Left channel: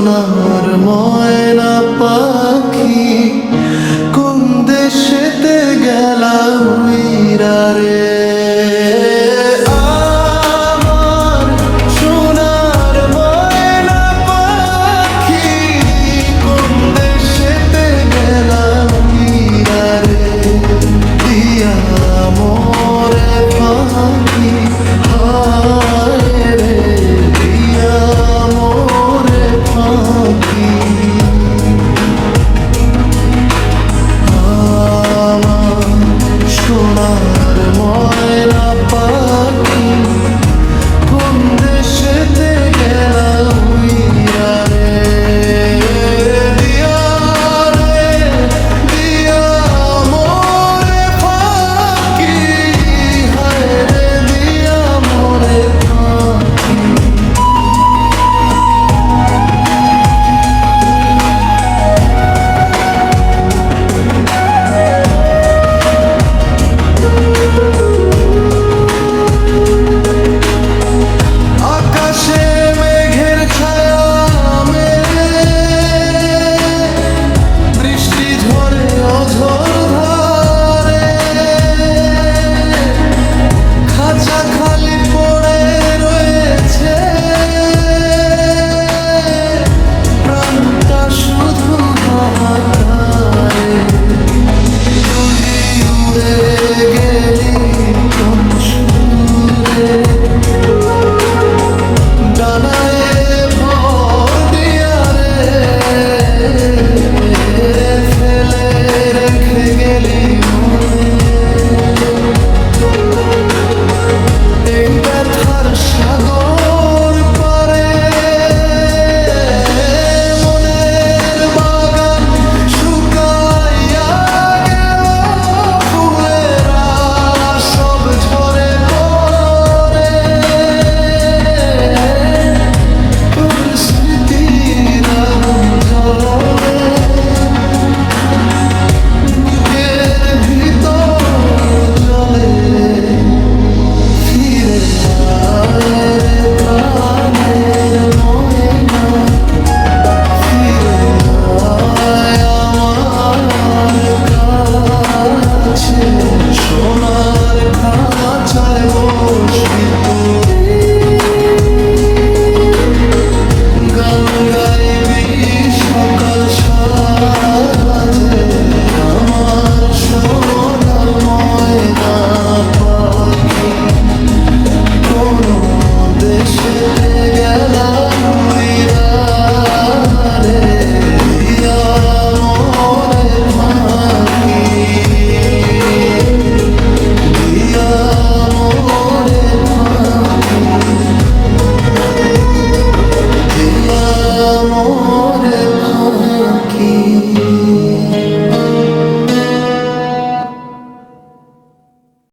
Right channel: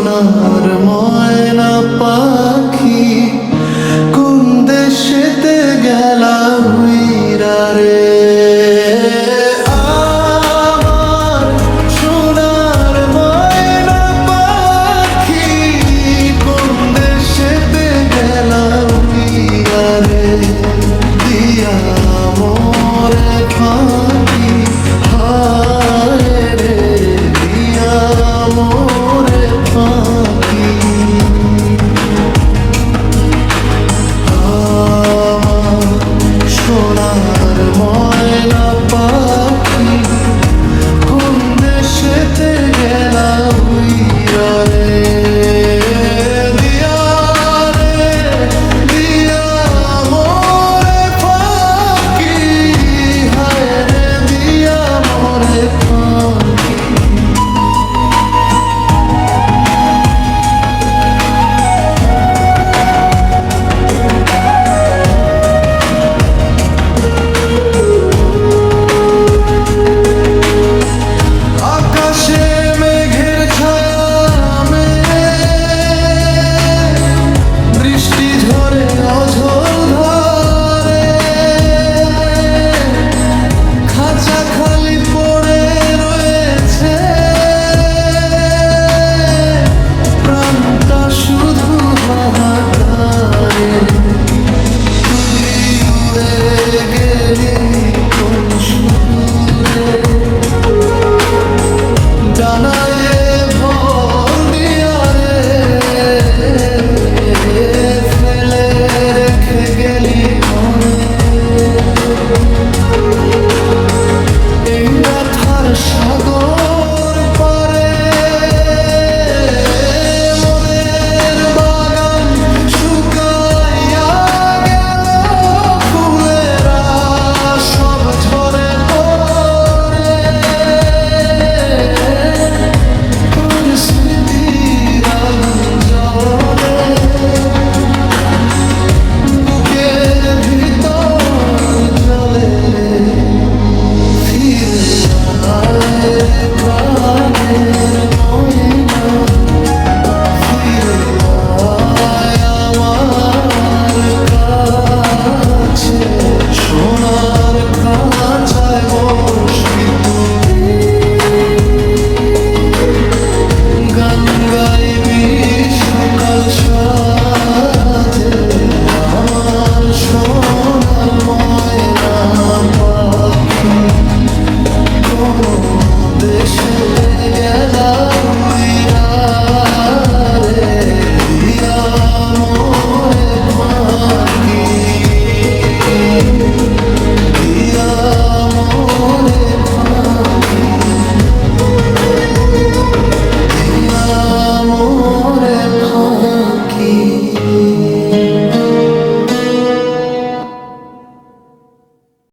সোনার ময়না পাখি কোন দেশেতে গেলা উইরা রে আমার সোনার ময়না পাখি কোন দেশেতে গেলা উইরা রে দিয়া মোরে ফাঁকি হায় রে দিয়া মোরে ফাঁকি সোনার ময়না পাখি কোন দেশেতে গেলা উইরা রে দিয়া রে দিয়া মোরে ফাঁকি হায় রে দিয়া মোরে ফাঁকি আকাশে মেঘের ছায়া বৃষ্টি ঝরে অঝোর ধরে খাঁচা খালি পড়ে রয়েছে প্রাণটা শুধু হাহাকার